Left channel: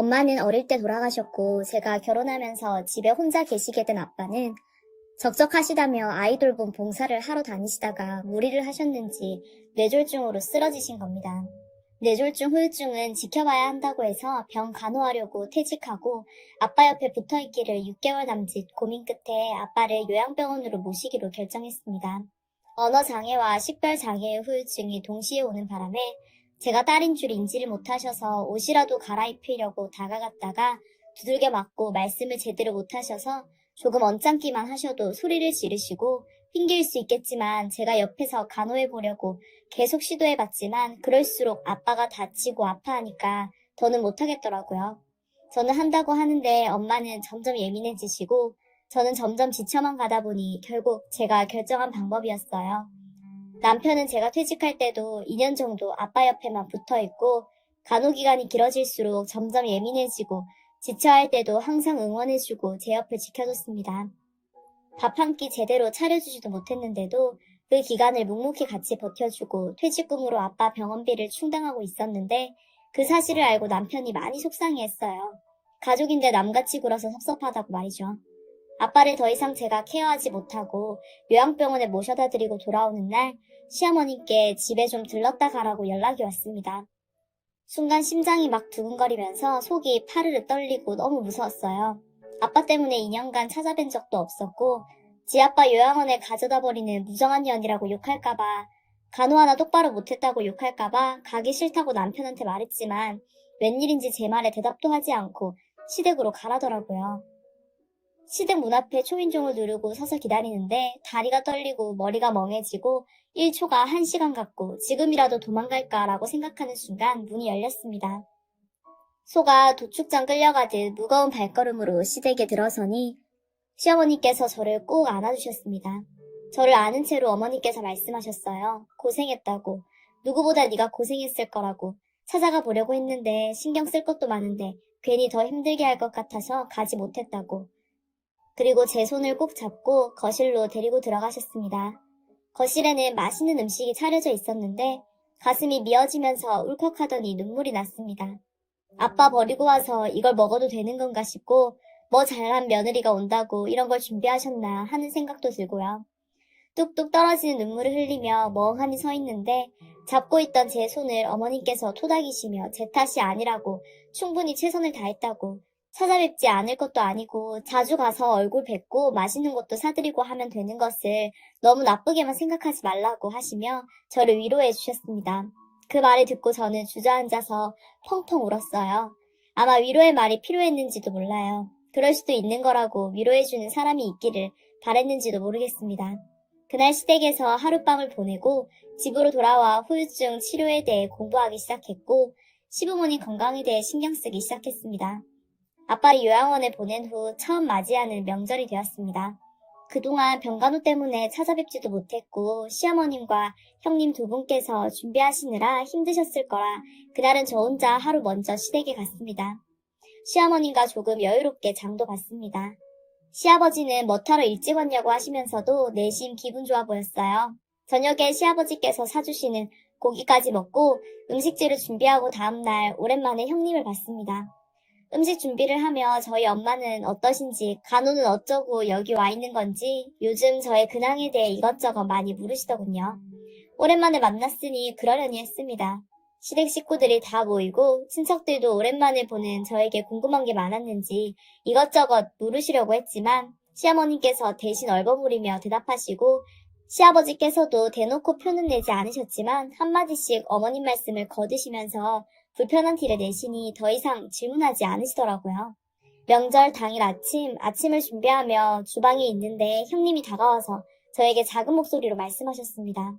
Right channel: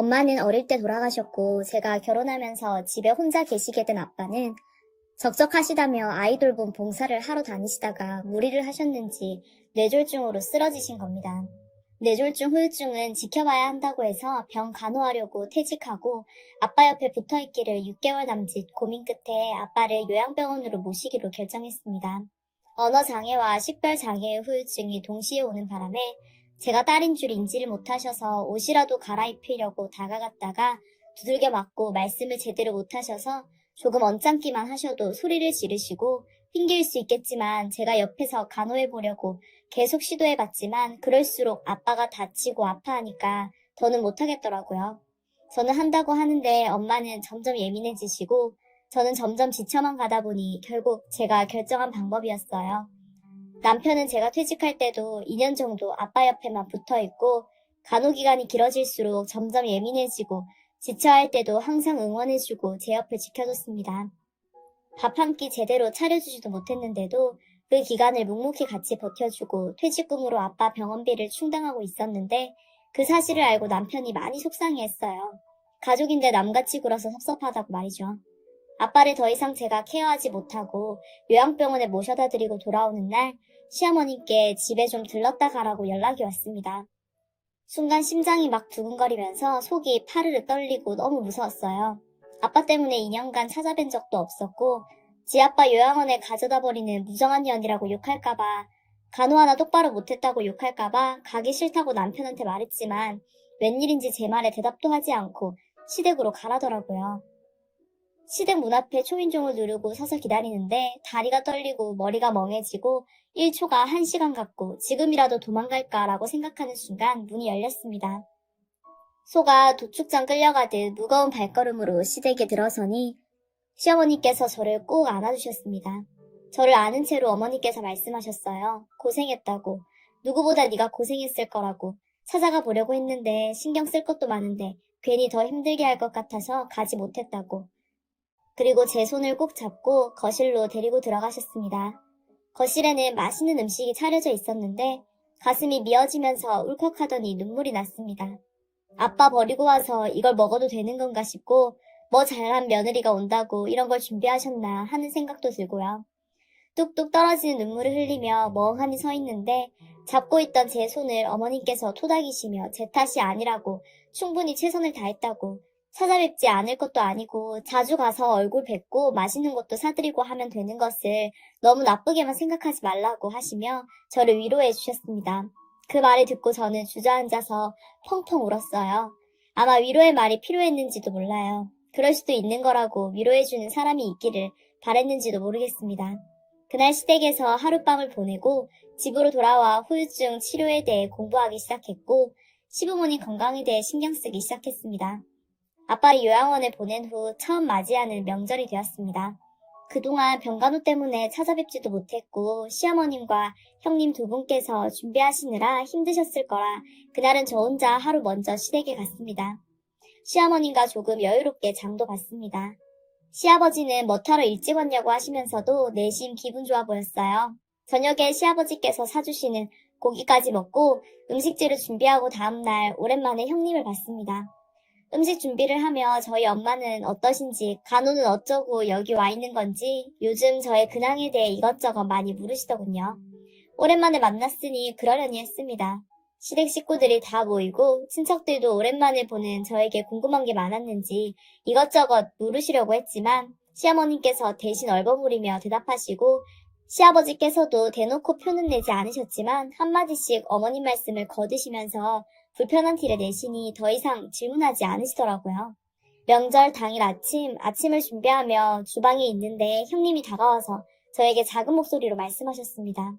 엄마는 어릴 때 돌아가셨고 제가 결혼하면서 집에 혼자 계시게 된 아빠는 적적하시다며 아이 돌봄 봉사를 하러 다니시다가 무리를 하셨는지 뇌졸중으로 쓰러지신 겁니다. 뇌졸중 후유증은 지켜봐야 한다고 해서 병 간호하려고 퇴직하고 아빠 옆에 붙어있기를 6개월 남짓 고민 끝에 아빠를 요양병원으로 모시기로 결정했습니다. 언어장애와 식별장애의 후유증이 동시에 오는 바람에 제가 딸인 줄 인지를 못하셔서 옷이라도 갈아입히려고 다가갔다가 두들겨 맞고 말씀을 제대로 못하셔서 조금 언짢기만 하셔도 소리를 지르시고 핑계일 수 있겠지만 제가 옆에서 간호해보려고 계속 시도해봤지만 그럴수록 아빠가 다치고 아파하니까 더는 못하겠더라고요. 저는 한다고 하는데 엄마는 점점 예민해지시고 저는 점점 지쳐만 가다 보니 결국 제가 결정한 방법이었어요. 남편은 제가 퇴직할 때도 2년 정도 아빠 옆에만 붙어있고 간호기간이 길어질수록 점점 예민해지고 지쳐할 때도 항상 응원해주고 제 옆에 지켜줬습니다. 밥 한 끼 제대로 차려주지도 못했는데도 그 기간을 묵묵히 같이 버텨주고 퇴직금으로 아빠 병원비를 충당하고 있었는데 그 사실을 알고 남편이 많이 속상해했어요. 가족인데 남같이 굴어서 섭섭하다고 말이죠. 아빠를 더 이상 제가 케어하지 못하고 요양병원에 모셔다 드리고 돌아오는 날 시어머님께 집에 좀 들렀다 가라고 연락이 왔습니다. 순간 심장이 막 두근거리면서 속이 파르르 떨리고 너무 무서웠어요. 아빠 때문에 2년간 찾아뵌 적도 없었고 지 아빠 요양원에 가져다 버리는 무정한 년이라고 욕할까봐 간호 하나 똑바로 못했다고 욕할까봐 가기 싫다고 남편한테 말했지만 웬일인지 제 말에 대답도 하지 않고 시댁으로 가라더라고요. 시댁 문 앞에 초인종을 누르고 서서 기다리는데 다리가 떨리고 머리가 멍해지고 1초가 1시간 같고 지금이라도 도망갈까라고 생각하는 순간 문이 열렸습니다. 소가 도축장 끌려가듯 무거운 발걸음으로 시댁에 들어서니 시어머니께서 저를 꼭 안아주셨습니다. 저를 아는 채로 어머니께서 말씀하셨어요. 고생했다고. 누구보다 네가 고생했을 거라고. 찾아가 보려고 했는데 신경 쓸 것도 많은데 괜히 더 힘들게 할 것 같아서 가지 못했다고. 그리고 제 손을 꼭 잡고 거실로 데리고 들어가셨습니다. 거실에는 맛있는 음식이 차려져 있었는데 가슴이 미어지면서 울컥하더니 눈물이 났습니다. 아빠 버리고 와서 이걸 먹어도 되는 건가 싶고 뭐 잘난 며느리가 온다고 이런 걸 준비하셨나 하는 생각도 들고요. 뚝뚝 떨어지는 눈물을 흘리며 멍하니 서 있는데 잡고 있던 제 손을 어머니께서 토닥이시며 제 탓이 아니라고 충분히 최선을 다했다고 찾아뵙지 않을 것도 아니고 자주 가서 얼굴 뵙고 맛있는 것도 사드리고 하면 되는 것을 너무 나쁘게만 생각하지 말라고 하시며 저를 위로해 주셨습니다. 그 말을 듣고 저는 주저앉아서 펑펑 울었어요. 아마 위로의 말이 필요했는지도 몰라요. 그럴 수도 있는 거라고 위로해주는 사람이 있기를 바랬는지도 모르겠습니다. 그날 시댁에서 하룻밤을 보내고 집으로 돌아와 후유증 치료에 대해 공부하기 시작했고 시부모님 건강에 대해 신경 쓰기 시작했습니다. 아빠를 요양원에 보낸 후 처음 맞이하는 명절이 되었습니다. 그동안 병간호 때문에 찾아뵙지도 못했고 시어머님과 형님 두 분께서 준비하시느라 힘드셨을 거라 그날은 저 혼자 하루 먼저 시댁에 갔습니다. 시어머님과 조금 여유롭게 장도 봤습니다. 시아버지는 뭐 타러 일찍 왔냐고 하시면서도 내심 기분 좋아 보였어요. 저녁에 시아버지께서 사주시는 고기까지 먹고 음식들을 준비하고 다음날 오랜만에 형님을 봤습니다. 음식 준비를 하며 저희 엄마는 어떠신지 간호는 어쩌고 여기 와 있는 건지 요즘 저의 근황에 대해 이것저것 많이 물으시더군요. 오랜만에 만났으니 그러려니 했습니다. 시댁 식구들이 다 모이고 친척들도 오랜만에 보는 저에게 궁금한 게 많았는지 이것저것 물으시려고 했지만 시어머님께서 대신 얼버무리며 대답하시고 시아버지께서도 대놓고 표는 내지 않으셨지만 한마디씩 어머님 말씀을 거두시면서 불편한 티를 내시니 더 이상 질문하지 않으시더라고요. 명절 당일 아침을 준비하며 주방에 있는데 형님이 다가와서 저에게 작은 목소리로 말씀하셨습니다.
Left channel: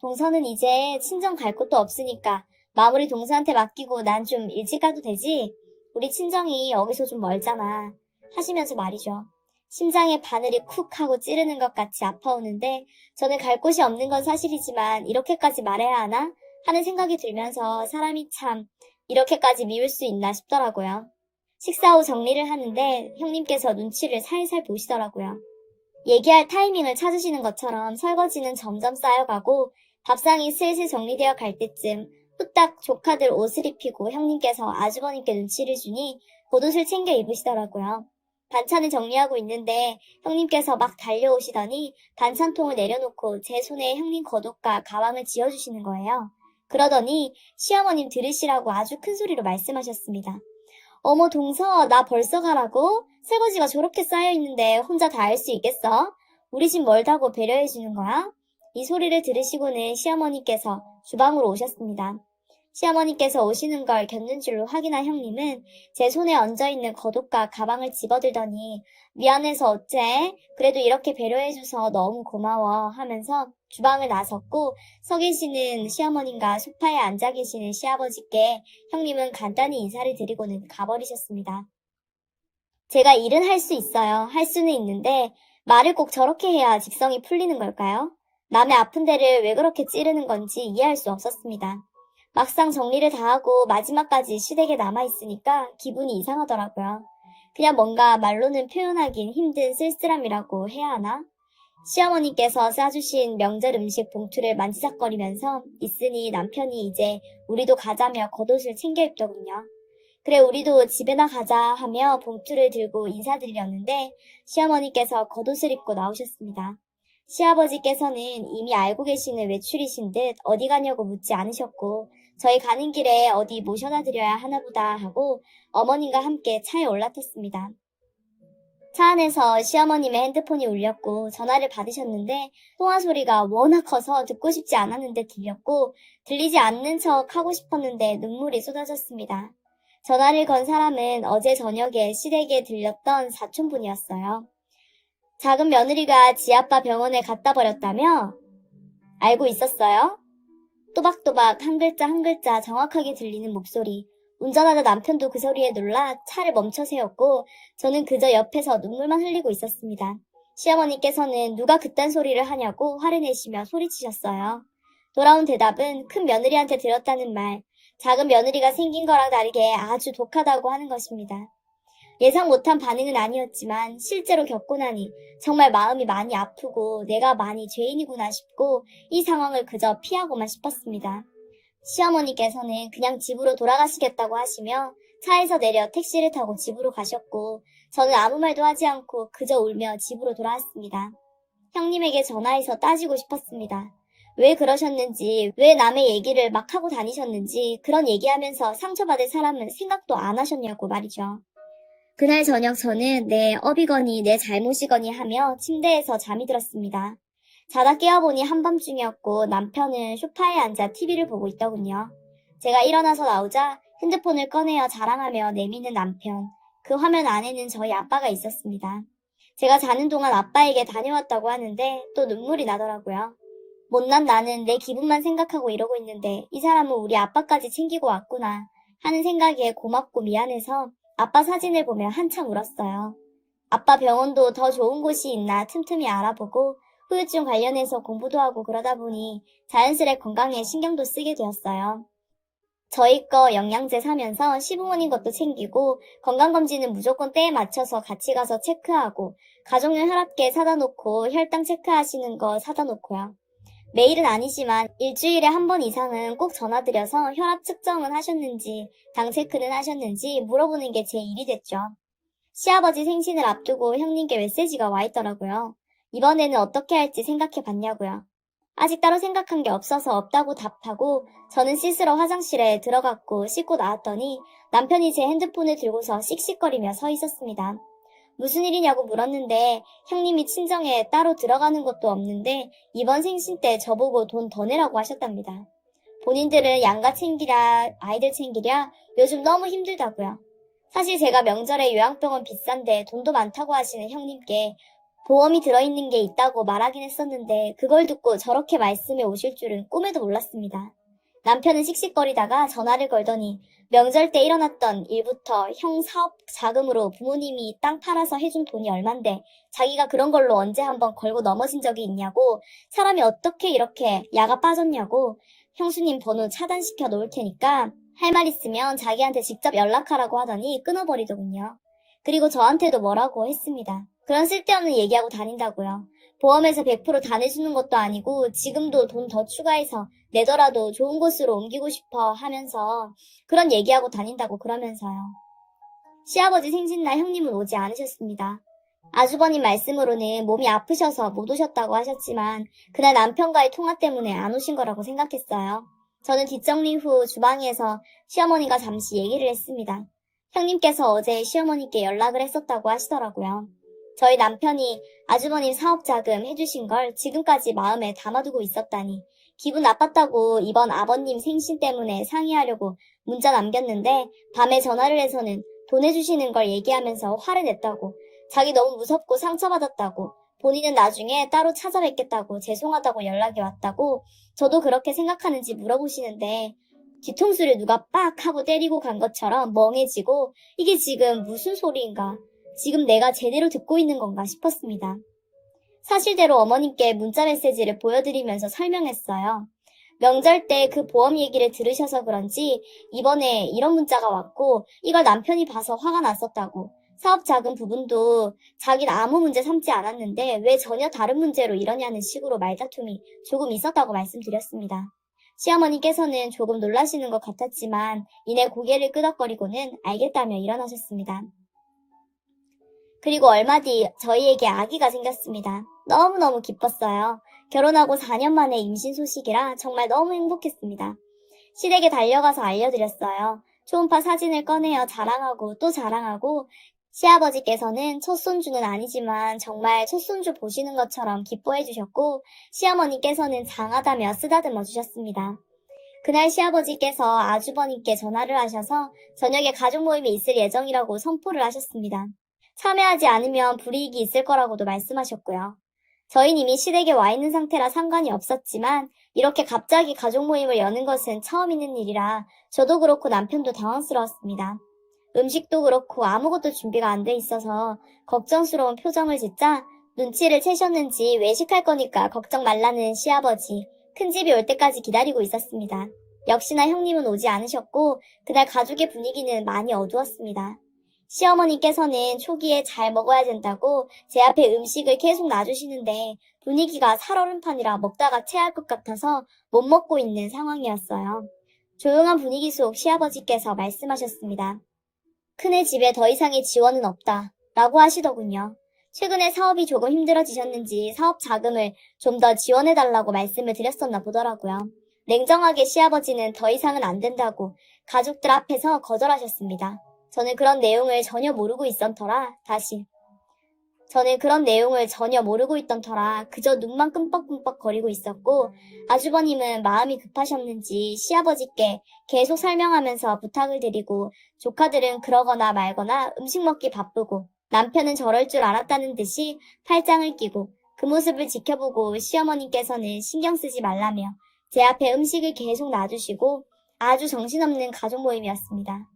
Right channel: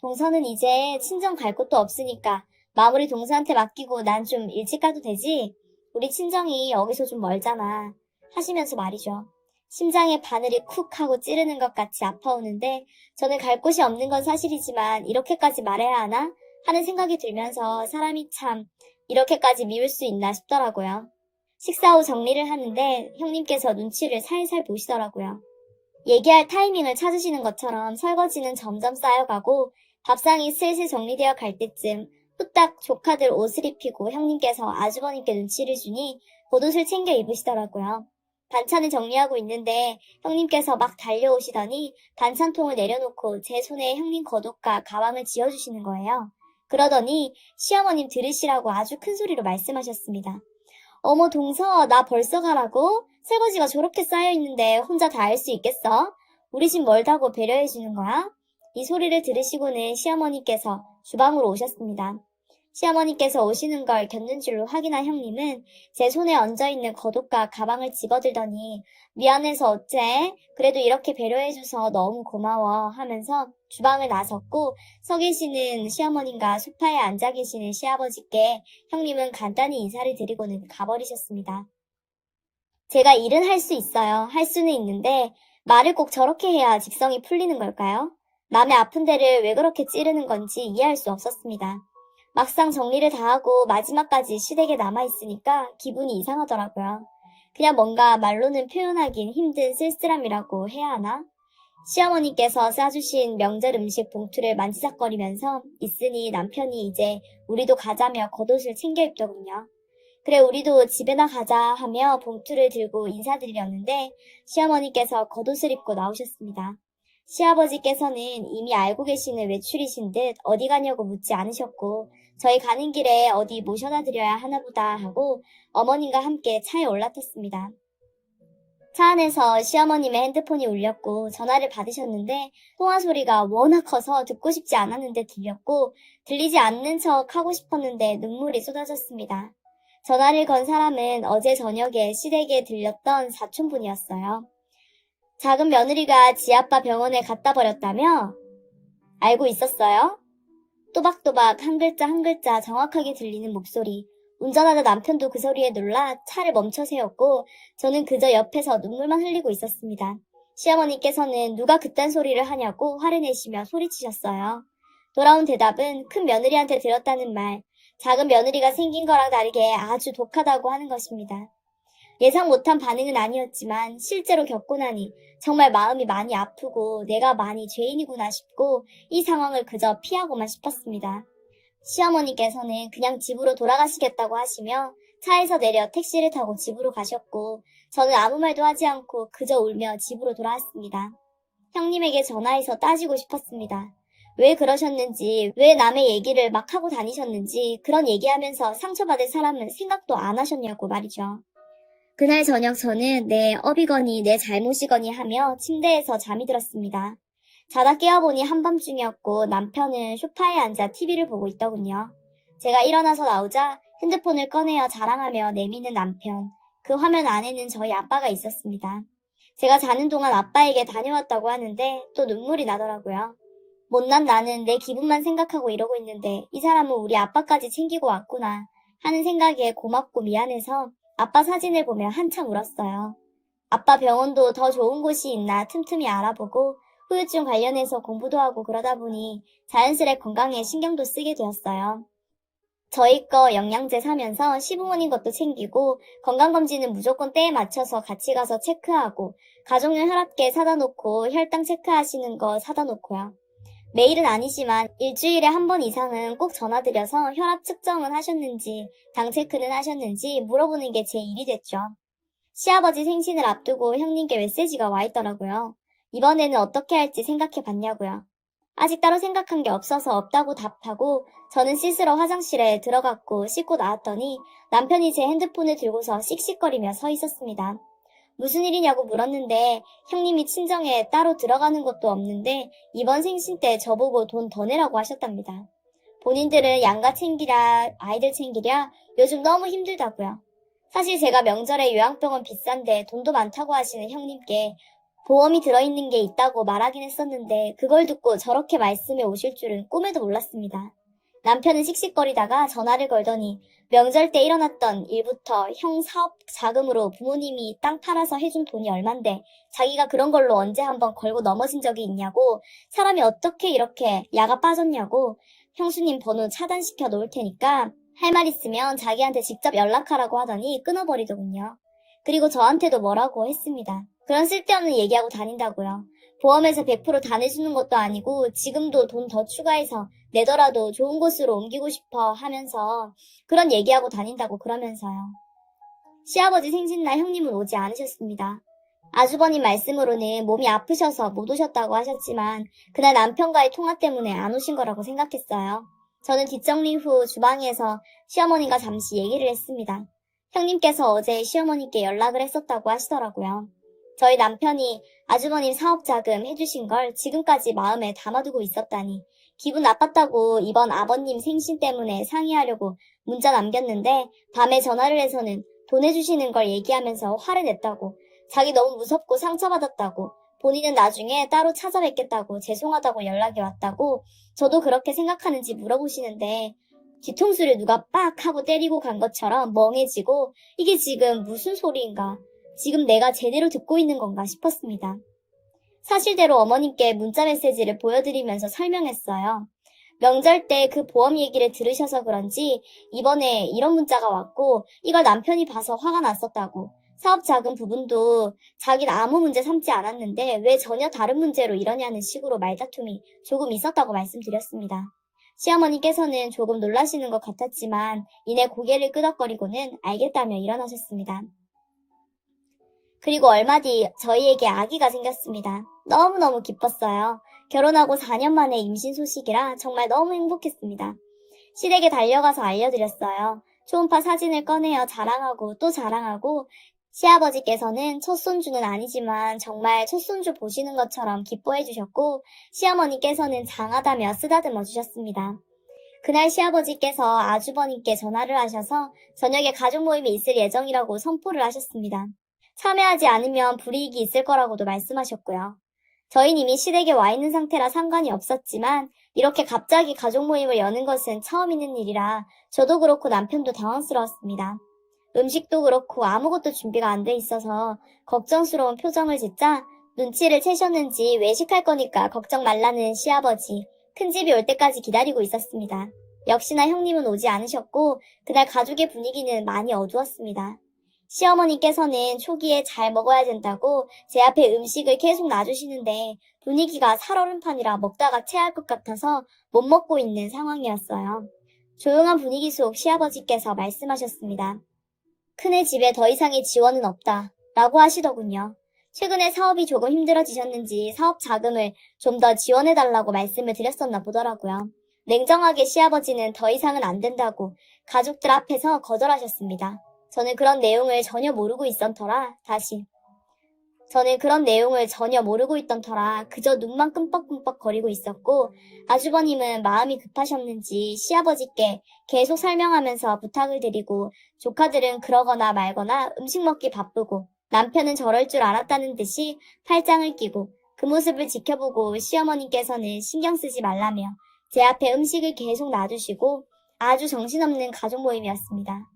동서는 이제 친정 갈 곳도 없으니까 마무리 동서한테 맡기고 난 좀 일찍 가도 되지? 우리 친정이 여기서 좀 멀잖아. 하시면서 말이죠. 심장에 바늘이 쿡 하고 찌르는 것 같이 아파오는데 저는 갈 곳이 없는 건 사실이지만 이렇게까지 말해야 하나? 하는 생각이 들면서 사람이 참 이렇게까지 미울 수 있나 싶더라고요. 식사 후 정리를 하는데 형님께서 눈치를 살살 보시더라고요. 얘기할 타이밍을 찾으시는 것처럼 설거지는 점점 쌓여가고 밥상이 슬슬 정리되어 갈 때쯤 후딱 조카들 옷을 입히고 형님께서 아주버님께 눈치를 주니 겉옷을 챙겨 입으시더라고요. 반찬을 정리하고 있는데 형님께서 막 달려오시더니 반찬통을 내려놓고 제 손에 형님 겉옷과 가방을 쥐어주시는 거예요. 그러더니 시어머님 들으시라고 아주 큰 소리로 말씀하셨습니다. 어머 동서, 나 벌써 가라고? 설거지가 저렇게 쌓여있는데 혼자 다 할 수 있겠어? 우리 집 멀다고 배려해주는 거야? 이 소리를 들으시고는 시어머니께서 주방으로 오셨습니다. 시어머니께서 오시는 걸 곁눈질로 확인한 형님은 제 손에 얹어있는 겉옷과 가방을 집어들더니 미안해서 어째? 그래도 이렇게 배려해줘서 너무 고마워 하면서 주방을 나섰고 서 계시는 시어머님과 소파에 앉아 계시는 시아버지께 형님은 간단히 인사를 드리고는 가버리셨습니다. 제가 일은 할 수 있어요. 할 수는 있는데 말을 꼭 저렇게 해야 직성이 풀리는 걸까요? 남의 아픈 데를 왜 그렇게 찌르는 건지 이해할 수 없었습니다. 막상 정리를 다 하고 마지막까지 시댁에 남아있으니까 기분이 이상하더라고요. 그냥 뭔가 말로는 표현하긴 힘든 쓸쓸함이라고 해야 하나? 시어머니께서 싸주신 명절 음식 봉투를 만지작거리면서 있으니 남편이 이제 우리도 가자며 겉옷을 챙겨 입더군요. 그래 우리도 집에나 가자 하며 봉투를 들고 인사드렸는데 시어머니께서 겉옷을 입고 나오셨습니다. 시아버지께서는 이미 알고 계시는 외출이신 듯 어디 가냐고 묻지 않으셨고 저희 가는 길에 어디 모셔다 드려야 하나보다 하고 어머님과 함께 차에 올라탔습니다. 차 안에서 시어머님의 핸드폰이 울렸고 전화를 받으셨는데 통화 소리가 워낙 커서 듣고 싶지 않았는데 들렸고 들리지 않는 척 하고 싶었는데 눈물이 쏟아졌습니다. 전화를 건 사람은 어제 저녁에 시댁에 들렸던 사촌분이었어요. 작은 며느리가 지아빠 병원에 갖다 버렸다며? 알고 있었어요? 또박또박 한 글자 한 글자 정확하게 들리는 목소리. 운전하던 남편도 그 소리에 놀라 차를 멈춰 세웠고 저는 그저 옆에서 눈물만 흘리고 있었습니다. 시어머니께서는 누가 그딴 소리를 하냐고 화를 내시며 소리치셨어요. 돌아온 대답은 큰 며느리한테 들었다는 말, 작은 며느리가 생긴 거랑 다르게 아주 독하다고 하는 것입니다. 예상 못한 반응은 아니었지만 실제로 겪고 나니 정말 마음이 많이 아프고 내가 많이 죄인이구나 싶고 이 상황을 그저 피하고만 싶었습니다. 시어머니께서는 그냥 집으로 돌아가시겠다고 하시며 차에서 내려 택시를 타고 집으로 가셨고 저는 아무 말도 하지 않고 그저 울며 집으로 돌아왔습니다. 형님에게 전화해서 따지고 싶었습니다. 왜 그러셨는지, 왜 남의 얘기를 막 하고 다니셨는지 그런 얘기하면서 상처받을 사람은 생각도 안 하셨냐고 말이죠. 그날 저녁 저는 내 업이거니 내 잘못이거니 하며 침대에서 잠이 들었습니다. 자다 깨어보니 한밤중이었고 남편은 소파에 앉아 TV를 보고 있더군요. 제가 일어나서 나오자 핸드폰을 꺼내어 자랑하며 내미는 남편. 그 화면 안에는 저희 아빠가 있었습니다. 제가 자는 동안 아빠에게 다녀왔다고 하는데 또 눈물이 나더라고요. 못난 나는 내 기분만 생각하고 이러고 있는데 이 사람은 우리 아빠까지 챙기고 왔구나 하는 생각에 고맙고 미안해서 아빠 사진을 보며 한참 울었어요. 아빠 병원도 더 좋은 곳이 있나 틈틈이 알아보고 후유증 관련해서 공부도 하고 그러다 보니 자연스레 건강에 신경도 쓰게 되었어요. 저희 거 영양제 사면서 시부모님 것도 챙기고 건강검진은 무조건 때에 맞춰서 같이 가서 체크하고 가족용 혈압계 사다 놓고 혈당 체크하시는 거 사다 놓고요. 매일은 아니지만 일주일에 한 번 이상은 꼭 전화드려서 혈압 측정은 하셨는지 당 체크는 하셨는지 물어보는 게 제 일이 됐죠. 시아버지 생신을 앞두고 형님께 메시지가 와 있더라고요. 이번에는 어떻게 할지 생각해 봤냐고요. 아직 따로 생각한 게 없어서 없다고 답하고 저는 씻으러 화장실에 들어갔고 씻고 나왔더니 남편이 제 핸드폰을 들고서 씩씩거리며 서 있었습니다. 무슨 일이냐고 물었는데 형님이 친정에 따로 들어가는 것도 없는데 이번 생신 때 저보고 돈 더 내라고 하셨답니다. 본인들은 양가 챙기랴 아이들 챙기랴 요즘 너무 힘들다고요. 사실 제가 명절에 요양병원 비싼데 돈도 많다고 하시는 형님께 보험이 들어있는 게 있다고 말하긴 했었는데 그걸 듣고 저렇게 말씀해 오실 줄은 꿈에도 몰랐습니다. 남편은 씩씩거리다가 전화를 걸더니 명절 때 일어났던 일부터 형 사업 자금으로 부모님이 땅 팔아서 해준 돈이 얼만데 자기가 그런 걸로 언제 한번 걸고 넘어진 적이 있냐고 사람이 어떻게 이렇게 야가 빠졌냐고 형수님 번호 차단시켜 놓을 테니까 할 말 있으면 자기한테 직접 연락하라고 하더니 끊어버리더군요. 그리고 저한테도 뭐라고 했습니다. 그런 쓸데없는 얘기하고 다닌다고요. 보험에서 100%다 내주는 것도 아니고 지금도 돈 더 추가해서 내더라도 좋은 곳으로 옮기고 싶어 하면서 그런 얘기하고 다닌다고 그러면서요. 시아버지 생신날 형님은 오지 않으셨습니다. 아주버님 말씀으로는 몸이 아프셔서 못 오셨다고 하셨지만 그날 남편과의 통화 때문에 안 오신 거라고 생각했어요. 저는 뒷정리 후 주방에서 시어머니가 잠시 얘기를 했습니다. 형님께서 어제 시어머니께 연락을 했었다고 하시더라고요. 저희 남편이 아주버님 사업 자금 해주신 걸 지금까지 마음에 담아두고 있었다니 기분 나빴다고 이번 아버님 생신 때문에 상의하려고 문자 남겼는데 밤에 전화를 해서는 돈 해주시는 걸 얘기하면서 화를 냈다고 자기 너무 무섭고 상처받았다고 본인은 나중에 따로 찾아뵙겠다고 죄송하다고 연락이 왔다고 저도 그렇게 생각하는지 물어보시는데 뒤통수를 누가 빡 하고 때리고 간 것처럼 멍해지고 이게 지금 무슨 소리인가 지금 내가 제대로 듣고 있는 건가 싶었습니다. 사실대로 어머님께 문자 메시지를 보여드리면서 설명했어요. 명절 때 그 보험 얘기를 들으셔서 그런지 이번에 이런 문자가 왔고 이걸 남편이 봐서 화가 났었다고 사업 자금 부분도 자기는 아무 문제 삼지 않았는데 왜 전혀 다른 문제로 이러냐는 식으로 말다툼이 조금 있었다고 말씀드렸습니다. 시어머니께서는 조금 놀라시는 것 같았지만 이내 고개를 끄덕거리고는 알겠다며 일어나셨습니다. 그리고 얼마 뒤 저희에게 아기가 생겼습니다. 너무너무 기뻤어요. 결혼하고 4년 만에 임신 소식이라 정말 너무 행복했습니다. 시댁에 달려가서 알려드렸어요. 초음파 사진을 꺼내어 자랑하고 또 자랑하고 시아버지께서는 첫 손주는 아니지만 정말 첫 손주 보시는 것처럼 기뻐해 주셨고 시어머니께서는 장하다며 쓰다듬어 주셨습니다. 그날 시아버지께서 아주버님께 전화를 하셔서 저녁에 가족 모임이 있을 예정이라고 선포를 하셨습니다. 참여하지 않으면 불이익이 있을 거라고도 말씀하셨고요. 저희는 이미 시댁에 와 있는 상태라 상관이 없었지만 이렇게 갑자기 가족 모임을 여는 것은 처음 있는 일이라 저도 그렇고 남편도 당황스러웠습니다. 음식도 그렇고 아무것도 준비가 안 돼 있어서 걱정스러운 표정을 짓자 눈치를 채셨는지 외식할 거니까 걱정 말라는 시아버지. 큰 집이 올 때까지 기다리고 있었습니다. 역시나 형님은 오지 않으셨고 그날 가족의 분위기는 많이 어두웠습니다. 시어머니께서는 초기에 잘 먹어야 된다고 제 앞에 음식을 계속 놔주시는데 분위기가 살얼음판이라 먹다가 체할 것 같아서 못 먹고 있는 상황이었어요. 조용한 분위기 속 시아버지께서 말씀하셨습니다. 큰애 집에 더 이상의 지원은 없다 라고 하시더군요. 최근에 사업이 조금 힘들어지셨는지 사업 자금을 좀 더 지원해달라고 말씀을 드렸었나 보더라고요. 냉정하게 시아버지는 더 이상은 안 된다고 가족들 앞에서 거절하셨습니다. 저는 그런 내용을 전혀 모르고 있던 터라 그저 눈만 끔뻑끔뻑 거리고 있었고 아주버님은 마음이 급하셨는지 시아버지께 계속 설명하면서 부탁을 드리고 조카들은 그러거나 말거나 음식 먹기 바쁘고 남편은 저럴 줄 알았다는 듯이 팔짱을 끼고 그 모습을 지켜보고 시어머니께서는 신경 쓰지 말라며 제 앞에 음식을 계속 놔주시고 아주 정신없는 가족 모임이었습니다.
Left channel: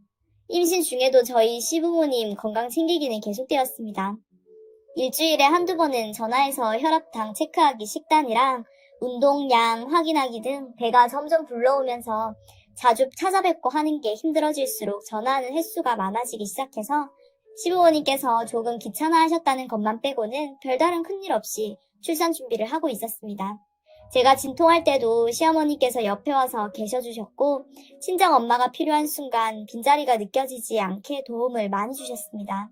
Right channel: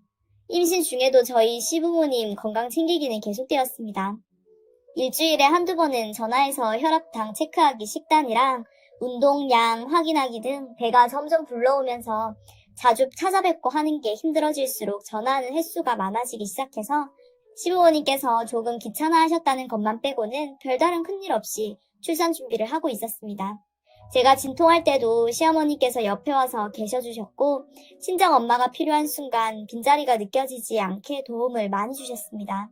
임신 중에도 저희 시부모님 건강 챙기기는 계속되었습니다. 일주일에 한두 번은 전화해서 혈압당 체크하기 식단이랑 운동량 확인하기 등 배가 점점 불러오면서 자주 찾아뵙고 하는 게 힘들어질수록 전화하는 횟수가 많아지기 시작해서 시부모님께서 조금 귀찮아하셨다는 것만 빼고는 별다른 큰일 없이 출산 준비를 하고 있었습니다. 제가 진통할 때도 시어머니께서 옆에 와서 계셔주셨고 친정 엄마가 필요한 순간 빈자리가 느껴지지 않게 도움을 많이 주셨습니다.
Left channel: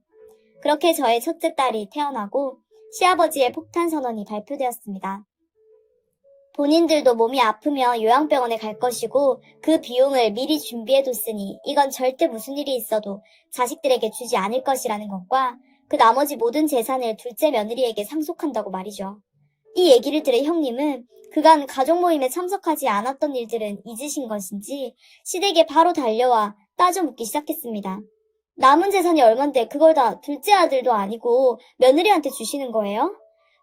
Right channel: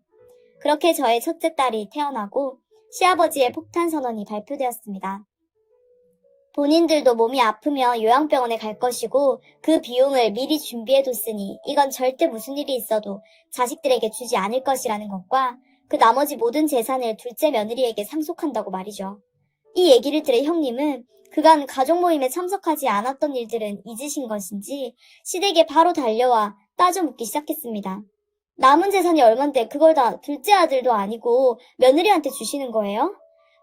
그렇게 저의 첫째 딸이 태어나고 시아버지의 폭탄 선언이 발표되었습니다. 본인들도 몸이 아프면 요양병원에 갈 것이고 그 비용을 미리 준비해뒀으니 이건 절대 무슨 일이 있어도 자식들에게 주지 않을 것이라는 것과 그 나머지 모든 재산을 둘째 며느리에게 상속한다고 말이죠. 이 얘기를 들은 형님은 그간 가족 모임에 참석하지 않았던 일들은 잊으신 것인지 시댁에 바로 달려와 따져 묻기 시작했습니다. 남은 재산이 얼만데 그걸 다 둘째 아들도 아니고 며느리한테 주시는 거예요?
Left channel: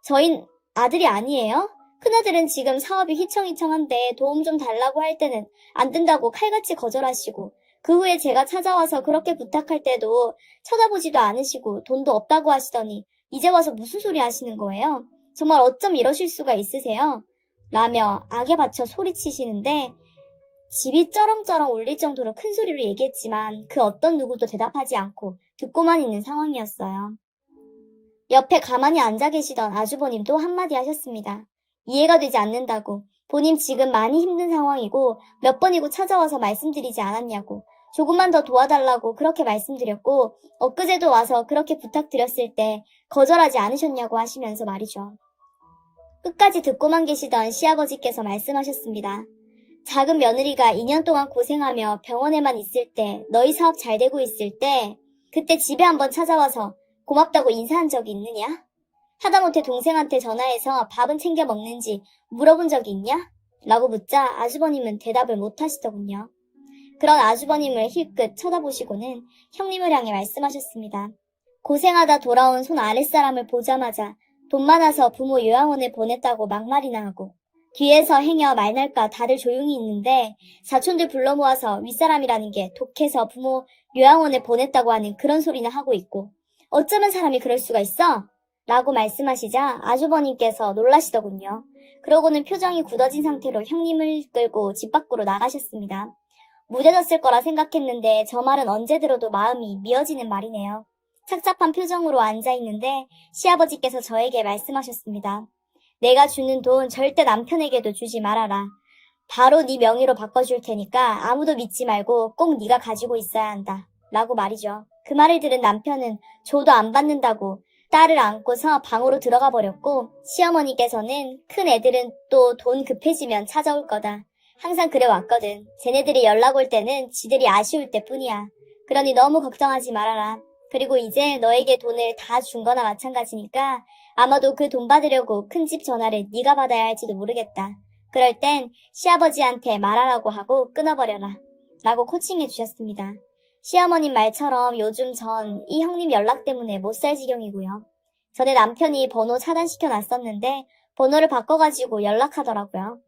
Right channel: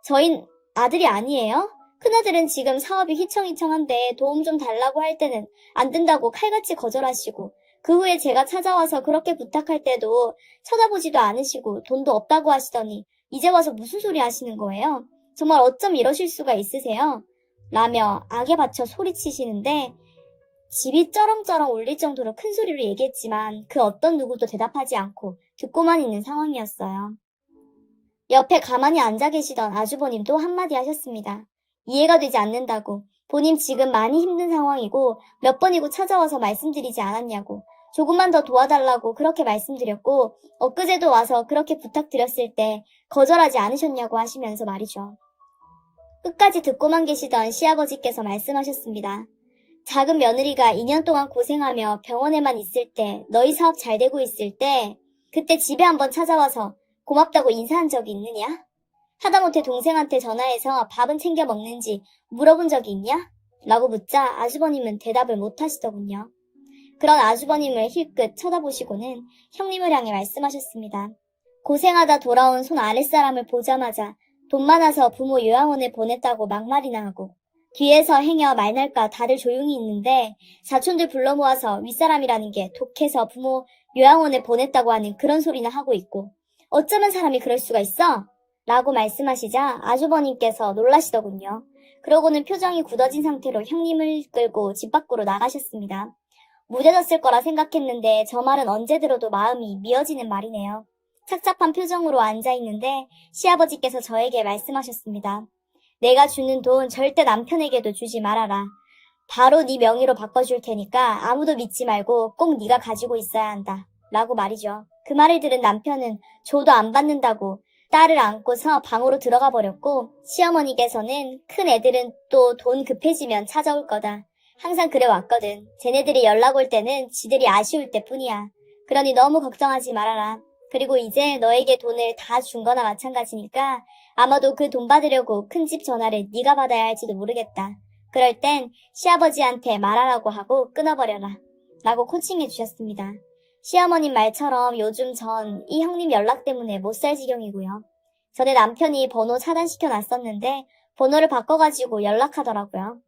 저흰 아들이 아니에요? 큰아들은 지금 사업이 휘청휘청한데 도움 좀 달라고 할 때는 안 된다고 칼같이 거절하시고 그 후에 제가 찾아와서 그렇게 부탁할 때도 쳐다보지도 않으시고 돈도 없다고 하시더니 이제 와서 무슨 소리 하시는 거예요? 정말 어쩜 이러실 수가 있으세요? 라며 악에 받쳐 소리치시는데 집이 쩌렁쩌렁 울릴 정도로 큰 소리로 얘기했지만 그 어떤 누구도 대답하지 않고 듣고만 있는 상황이었어요. 옆에 가만히 앉아 계시던 아주버님도 한마디 하셨습니다. 이해가 되지 않는다고. 본인 지금 많이 힘든 상황이고 몇 번이고 찾아와서 말씀드리지 않았냐고. 조금만 더 도와달라고 그렇게 말씀드렸고 엊그제도 와서 그렇게 부탁드렸을 때 거절하지 않으셨냐고 하시면서 말이죠. 끝까지 듣고만 계시던 시아버지께서 말씀하셨습니다. 작은 며느리가 2년 동안 고생하며 병원에만 있을 때, 너희 사업 잘 되고 있을 때, 그때 집에 한번 찾아와서 고맙다고 인사한 적이 있느냐? 하다못해 동생한테 전화해서 밥은 챙겨 먹는지 물어본 적이 있냐? 라고 묻자 아주버님은 대답을 못 하시더군요. 그런 아주버님을 힐끗 쳐다보시고는 형님을 향해 말씀하셨습니다. 고생하다 돌아온 손 아랫사람을 보자마자 돈 많아서 부모 요양원에 보냈다고 막말이나 하고 뒤에서 행여 말날까 다들 조용히 있는데 사촌들 불러 모아서 윗사람이라는 게 독해서 부모 요양원에 보냈다고 하는 그런 소리나 하고 있고 어쩌면 사람이 그럴 수가 있어? 라고 말씀하시자 아주버님께서 놀라시더군요. 그러고는 표정이 굳어진 상태로 형님을 끌고 집 밖으로 나가셨습니다. 무뎌졌을 거라 생각했는데 저 말은 언제 들어도 마음이 미어지는 말이네요. 착잡한 표정으로 앉아있는데 시아버지께서 저에게 말씀하셨습니다. 내가 주는 돈 절대 남편에게도 주지 말아라. 바로 네 명의로 바꿔줄 테니까 아무도 믿지 말고 꼭 네가 가지고 있어야 한다. 라고 말이죠. 그 말을 들은 남편은 줘도 안 받는다고 딸을 안고서 방으로 들어가 버렸고 시어머니께서는 큰 애들은 또 돈 급해지면 찾아올 거다. 항상 그래왔거든. 쟤네들이 연락 올 때는 지들이 아쉬울 때뿐이야. 그러니 너무 걱정하지 말아라. 그리고 이제 너에게 돈을 다 준 거나 마찬가지니까 아마도 그 돈 받으려고 큰 집 전화를 네가 받아야 할지도 모르겠다. 그럴 땐 시아버지한테 말하라고 하고 끊어버려라. 라고 코칭해 주셨습니다. 시어머님 말처럼 요즘 전 이 형님 연락 때문에 못 살 지경이고요. 전에 남편이 번호 차단시켜 놨었는데 번호를 바꿔가지고 연락하더라고요.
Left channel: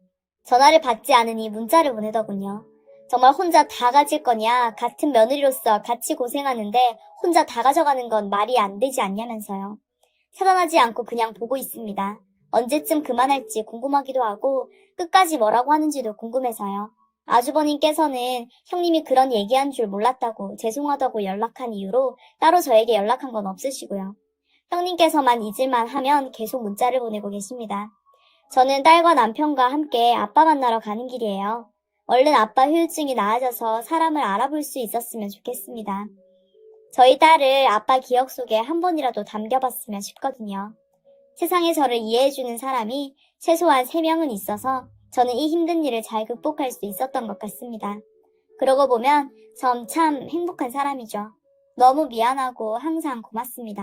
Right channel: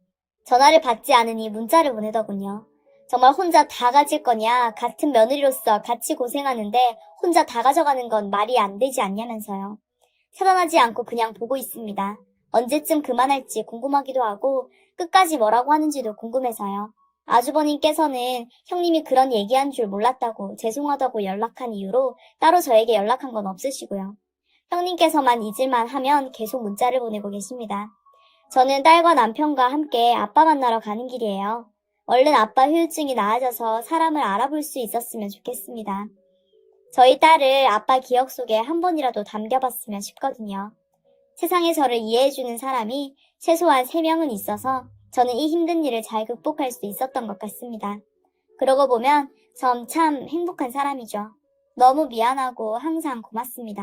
전화를 받지 않으니 문자를 보내더군요. 정말 혼자 다 가질 거냐, 같은 며느리로서 같이 고생하는데 혼자 다 가져가는 건 말이 안 되지 않냐면서요. 태어나지 않고 그냥 보고 있습니다. 언제쯤 그만할지 궁금하기도 하고 끝까지 뭐라고 하는지도 궁금해서요. 아주버님께서는 형님이 그런 얘기한 줄 몰랐다고 죄송하다고 연락한 이유로 따로 저에게 연락한 건 없으시고요. 형님께서만 잊을만 하면 계속 문자를 보내고 계십니다. 저는 딸과 남편과 함께 아빠 만나러 가는 길이에요. 얼른 아빠 후유증이 나아져서 사람을 알아볼 수 있었으면 좋겠습니다. 저희 딸을 아빠 기억 속에 한 번이라도 담겨봤으면 싶거든요. 세상에 저를 이해해주는 사람이 최소한 3명은 있어서 저는 이 힘든 일을 잘 극복할 수 있었던 것 같습니다. 그러고 보면 전 참 행복한 사람이죠. 너무 미안하고 항상 고맙습니다.